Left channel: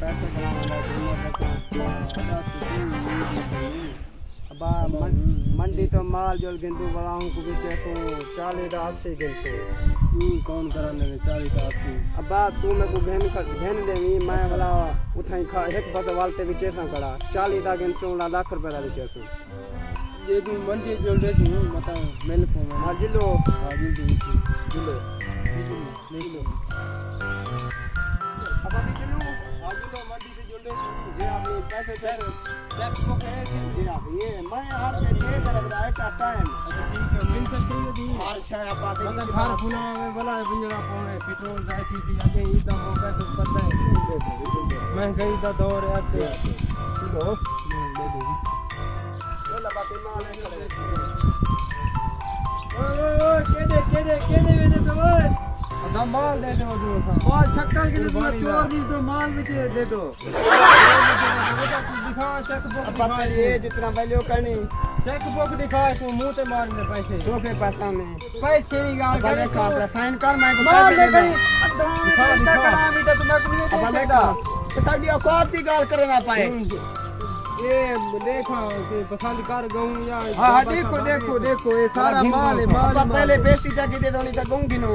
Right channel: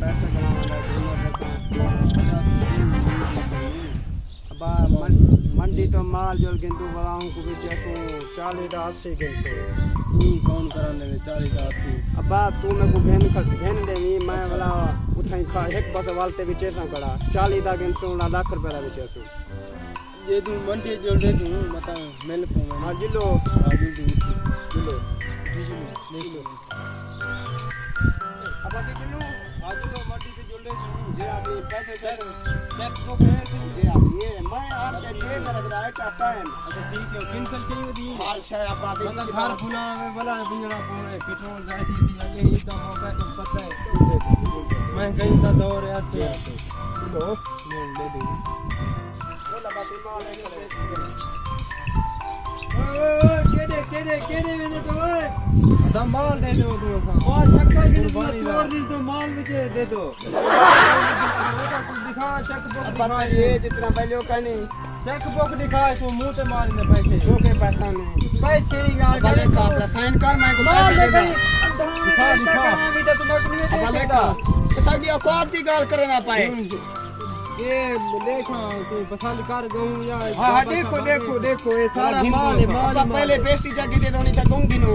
पैसे अब मंडी तो माल जो गिनतू बलाऊं को भी चेकू 40 का 80 गिनसो कौन कराने में 40 का 80 अब तू मेरे को घेन देवी मैं वाला उठाई खा एक बस वालते भी चेसा कड़ा 40 का गिनसो लाख रुपए का भी चेसो ये तू मंडी जो ले तू बता मेल को में हां जिलो हां जिलो अब आगे जिलो आज तो मंडी से जो ले तू जे अपनी पैसे चेक बुक है जे आप ये मैं आप से चेक कर रहा है टाइम अच्छा ठीक है किन सर चाहिए दी हर शय आप आते मतलब घर पुना में बला पिंजरा पोए पेट्रोल जाए थी आगे ही तो मौका तो पता है मैं कहीं का दौर है तो लो ले दे बोला बात माल केड़े मैंने तो अदा माल दे दो तू और छक्का के चोर दी तो माल में दे दो दिखा चेक बुक पता ये जितना वैल्यू करनी चेक बुक दिखा तू मुंह ते मारने पैसे छोटे पैसा में पैसे की गाल पहले का साइन कर मैं को माल ले गई दिखा भी तो मैं को नहीं देगा तो साडी औकात की गाल करे ना पाए ये देखो कि पसंद कर गऊं या हां देखो ये सारा माल है माल पहले बेस्ती जाके दे दो नहीं तो गऊं दिनो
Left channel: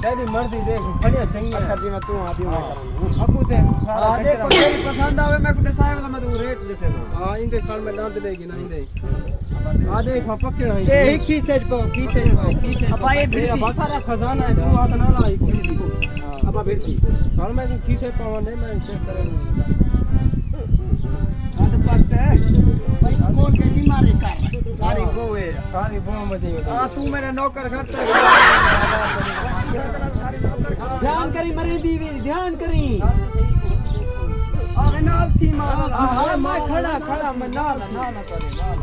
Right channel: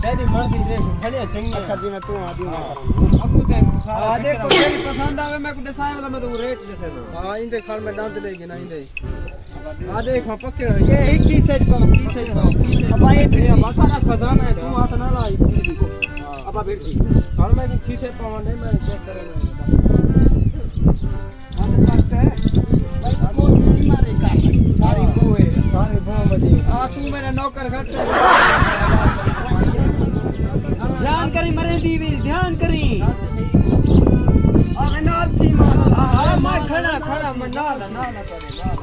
तेरी मर्जी देख खड़िया चंगी अच्छा जी मैं तू आदी मैं करूंगा अबू ते हां देखो तेरी पसंद आवे मैं को दसाए वाला मैं तो रेट दे देना हां इनके खाल में दांत देगी ना इंदे आ देखो पक्के हो ये ही की सेट को अब ये ये सारा खजाना है तू हाथ ना लाई देखो अब फिर दी खाल में की खींचे पावन मैं चेक करेंगे भाई कौन की मारे का सारी को है सारी बम बजे हां तू मेरा नौकर घट ध्यान करी मरे दीवी ध्यान करी अरे नाल थी मार अरे मैं खड़ा मैं नाल करे नाल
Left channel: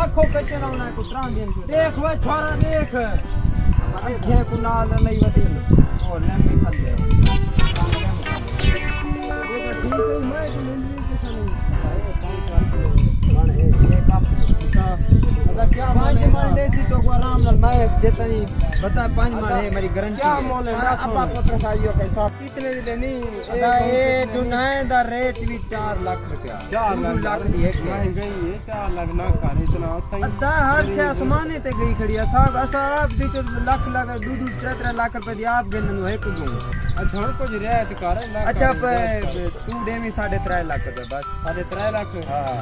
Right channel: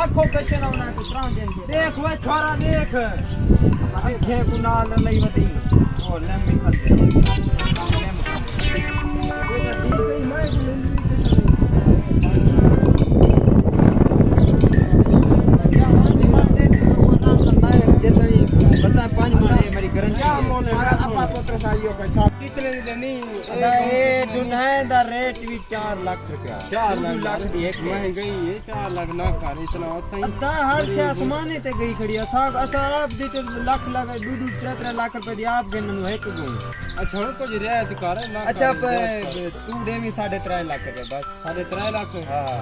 आंखों कशे ना को त्राण देन देख वे छोरा देख अखे को नाल लई वदी और लेम निकल दे लेम ये तो ठीक है मैं को मिल क्या माने थी तो आराम से मैं जितनी बता 5 माने मेरी गारंटी क्या मोले अपा पुत्र साहियो पैसा कितने देनी ए दुनिया दा रेट भी 4 लाख रुपया 4 लाख दी एक महंगी है 4 लाख ना कर इतना सही अद्धा हर से आसमाने ते गई खड़ी साहब असाब दी तो लाख 2-3 लाख रुपए दी आप गिनन है एक गो अच्छा कुछ रियायत कर अच्छा तू देवी 3.5 लाख रुपए बस 3.5 लाख हां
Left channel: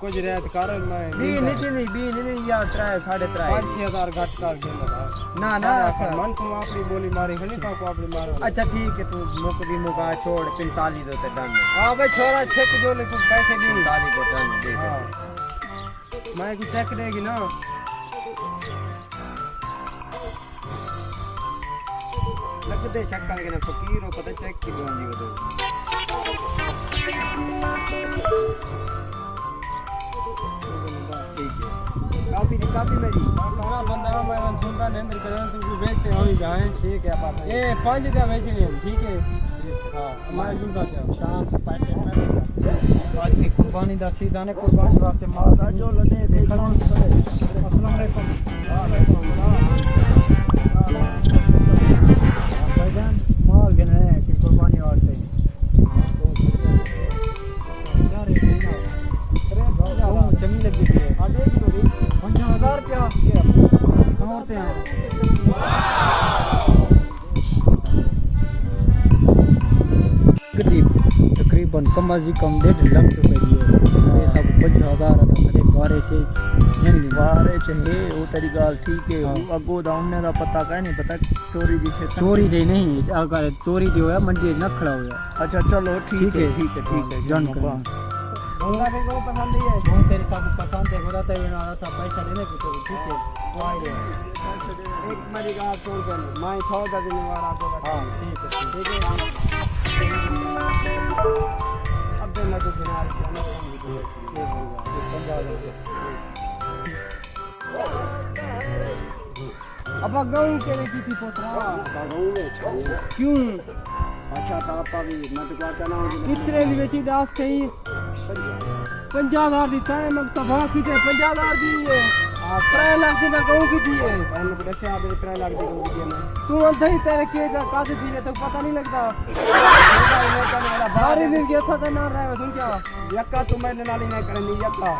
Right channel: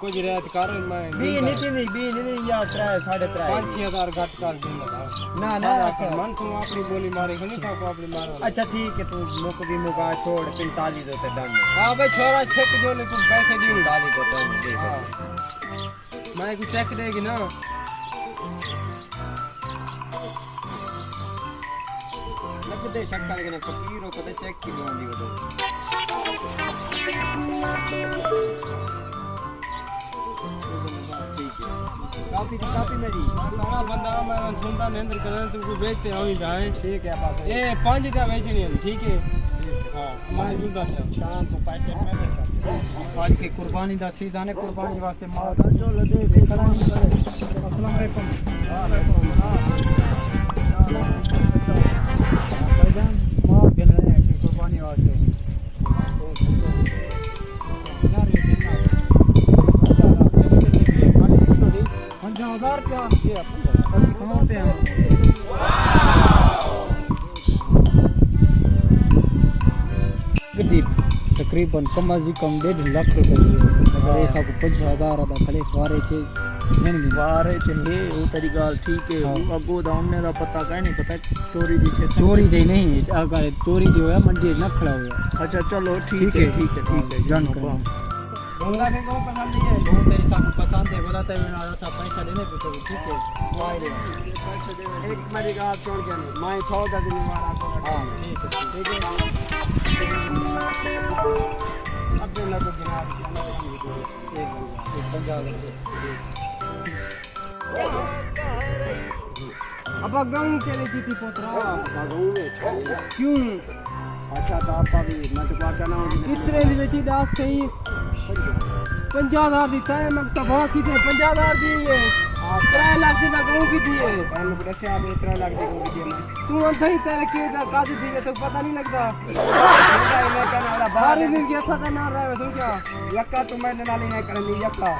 कुछ रियायत कर मैं बी नहीं या 3.5 5-6 घट कर देना ना अच्छा मन तो अपनी बोली मारे नहीं था को अपनी मारो अच्छा ठीक है तू मुक भी मुका छोड़ 45 दो ते डन हां भाई छोरा चेक जो ले तू पैसे दी 45 दो डन दे हां मैं को चेक देगी ना लग दे शक्का के ना फकीर हो पता चेक की दोंदी वो काफी मेरी तारा बंदा मैं सुनता नेंद्र करन तू देखते हो ही जाए ठीक है बात ये 5 का वैसे नहीं ठीक है हां हमारे जुलता से शाम को पैसे में आज की कुर्बानी दा सीजन है कुर्बानी वास्ते माल का जो लदे देखना पड़े अस्सलाम वालेकुम वालेकुम भाईजान माल गिन रहे हैं कि कुर्बानी वास्ते क्या रेट है ना 50,000 रुपया कमाते हैं तकरीबन कम अज कम 1.5 लाख रुपए ये सब 50,000 आता भले बारे छे हे वो तेरी गाल ठीक है अगो दा उन्ने दा पता कह नहीं पता चोरी दी थे चोरी दे नहीं अगर चोरी दी होया मंडी न खड़ा होया अच्छा चलो ठीक है जान कर बोला के को पसंद है वो तेरी सब पसंद है बोला तेरे ना ऐसा पैसा देने को तो ठीक है वो आई रे एक मेरी गाल छोड़ के मैं 14 दिन वाला तो हां ठीक है अब तो ना तो बिना के अब गाँव के लिए की पोतरा गाँव में चाहिए क्यों अच्छा तो आप भी मैं तो क्या कहना हूँ इतने दी बेची दास कहीं 50,000 दी तय मग तबाह की 50,000 दी है 3 लाख की मैं कहूँ की दिए मैंने कैसे आप 3 लाख की कहूँ दिए मैं तू अंधे ही तेरे के काज दिए तो पता नहीं लगता छोटा ही नहीं करने वाला बाहर ही के ऐसा करना रहा है तू क्या यक्का तो मैंने नाली नहीं करनी यक्का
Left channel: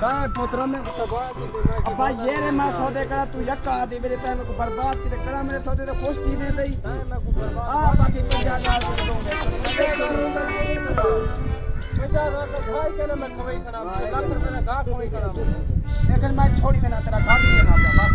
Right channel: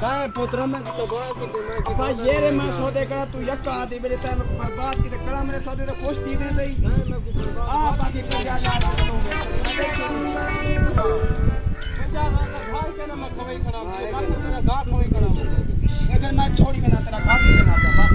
काय पुत्र में तो बात की अपा ये रे मैं सौदे करा तू यक्का आदि मेरे टाइम को बर्बाद की करा मेरे सौदे तो खुश थी नहीं दई नहीं मैं को बर्बाद आ बाकी तो क्या यार कर दूंगा पंजा का भाई के ना मैं खवाई खड़ा लाख मेरा गा खवाई खड़ा लेकिन मैं छोड़ी के ना तेरा गा भी ना बस